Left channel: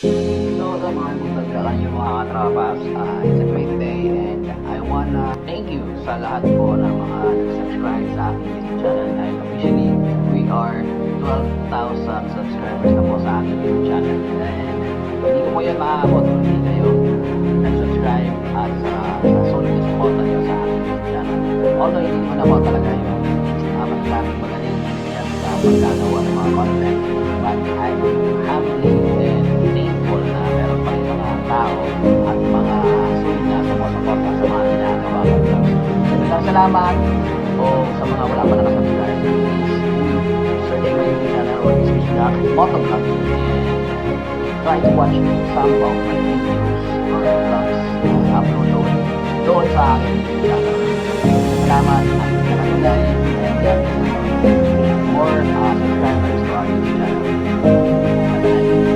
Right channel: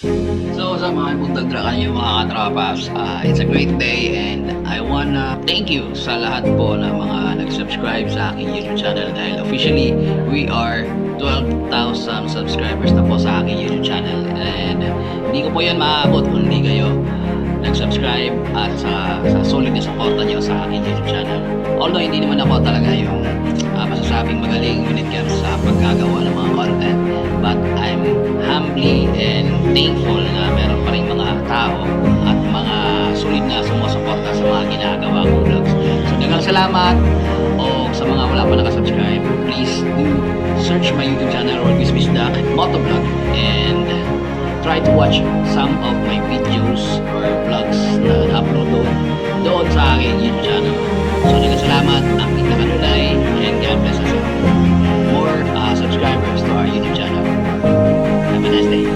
So sa mga buntag-drakan yung mga katrapas, it's a great day and I wanna thank you sa lahat po ng mga nag-subscribe sa aking YouTube channel dahil officially we are 12,000 subscribers na po sa aking YouTube channel and hindi ko po yan maaabot kung hindi kayo nag-subscribe at sa solid na suporta nyo sa aking YouTube channel. Although hindi naman ako talaga yung masasabing magaling unit cat sa paggagawa ng mga content, but I'm humbly and thankful na meron pa rin mga tao at mga sulit na sumusuporta sa mga ginagawa kong vlogs. So daghang salamat. O sa mga wala pa nakasubscribe, please do search my YouTube channel or Bisbisdak Motovlog and try to watch some of my videos or vlogs na upload doon sa aking YouTube channel. So daghang salamat, ang kita kanunay, and God bless us all. More subscribers to our YouTube channel. Have a nice day.